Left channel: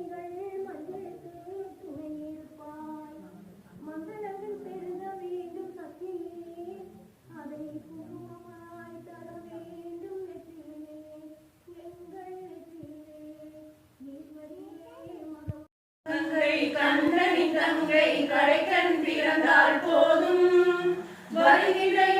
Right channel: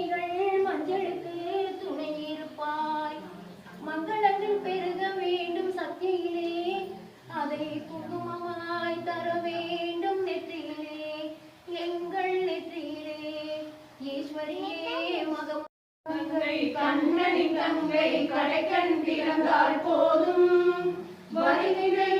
நீங்கள் மஞ்சளுக்கு துணையிருப்பாய் மங்களங்கள் பெருக வேண்டும் சக்தியிலே. அதை குங்குமமாய் தர வேண்டும் நெற்றியிலே. எங்கள் நெற்றியிலே. ஈஸ்வரியே மகம் கங்கை கண்ணனி கங்கை கரைக்கண் பிறந்தால் போதும். வருகின்ற